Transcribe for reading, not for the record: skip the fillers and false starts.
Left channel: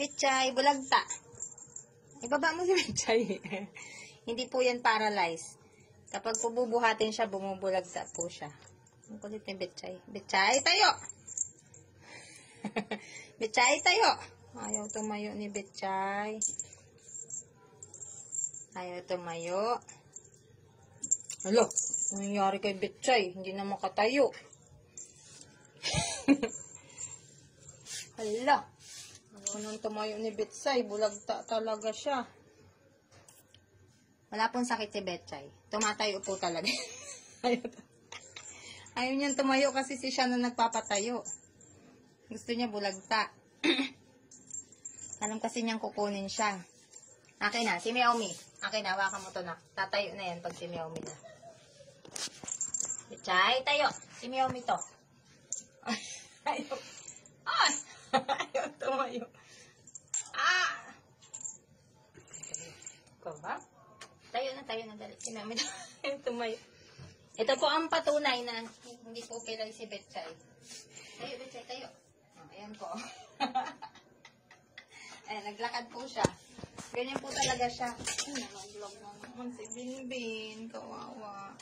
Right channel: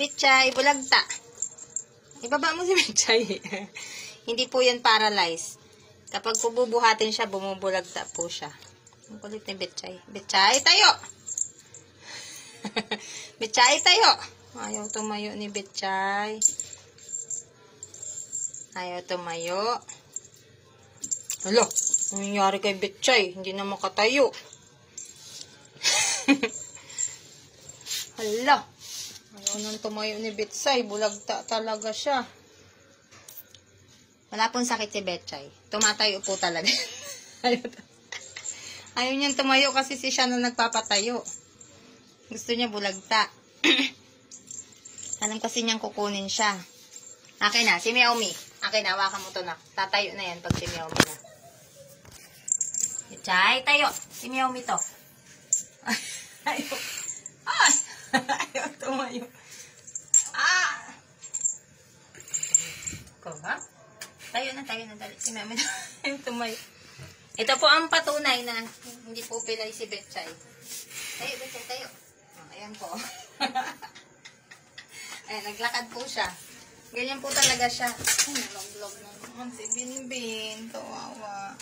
Betchay, bulagta. Ibaba mo si Betchay. Hindi po yan paralyzed. Kapag po bubuhatin siya, bumubulagta po siya. Ang kulit ni Betchay. Betchay, tayo! Betchay, tayo! Ayaw tumayo ni Betchay. Ayaw tumayo. Hala, ano nangyari kay Betchay? Hindi na makatayo. Hala, ayaw nang tumayo ni Betchay. Bulagta talaga siya. Wala pong sakit si Betchay. Tumatayo po talaga. Ayaw niyang tumayo kasi siya na nagpapatayo. Gusto niya bulagta. Alam kasi niyang kukunin siya. Akin na, si Meowmi. Akin na, hawakan mo to na. Tatayo na yan pag si Meowmi na. Betchay, tayo. Si Meowmi to. Ayaw. Ah! Ayaw tumayo. Ah! Ikaw ba? Tayo na. Dali. Si Meowmi tumayo. Ito po ang patunay na hindi po pilay si Betchay. Tayo, Betchay, tayo. Oh, ayan po. Ayan, naglakad po siya. Ganyan po talaga siya. Ay, nalog-log na naman si Binbin. Kawawa.